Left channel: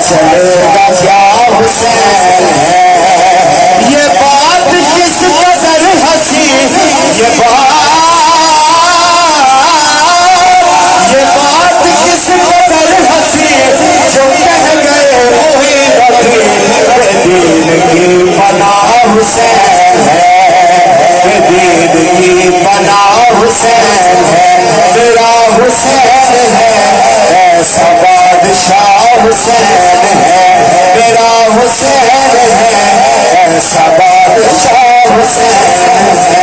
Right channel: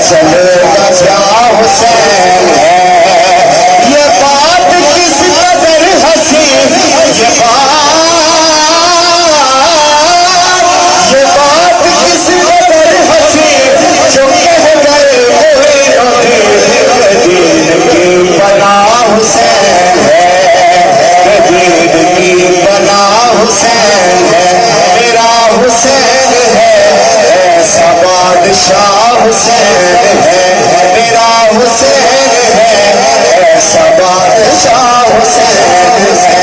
چلے گا کیا حسین ہے یہ بات کس قدر ہنسی یہ بات کس قدر ہنسی جو کہہ گئے دین کی بنا حسین ہے دین کی بنا حسین ہے میرا حسین ہے ایسا بادشاہ حسین ہے میرا حسین ہے ایسا بادشاہ حسین ہے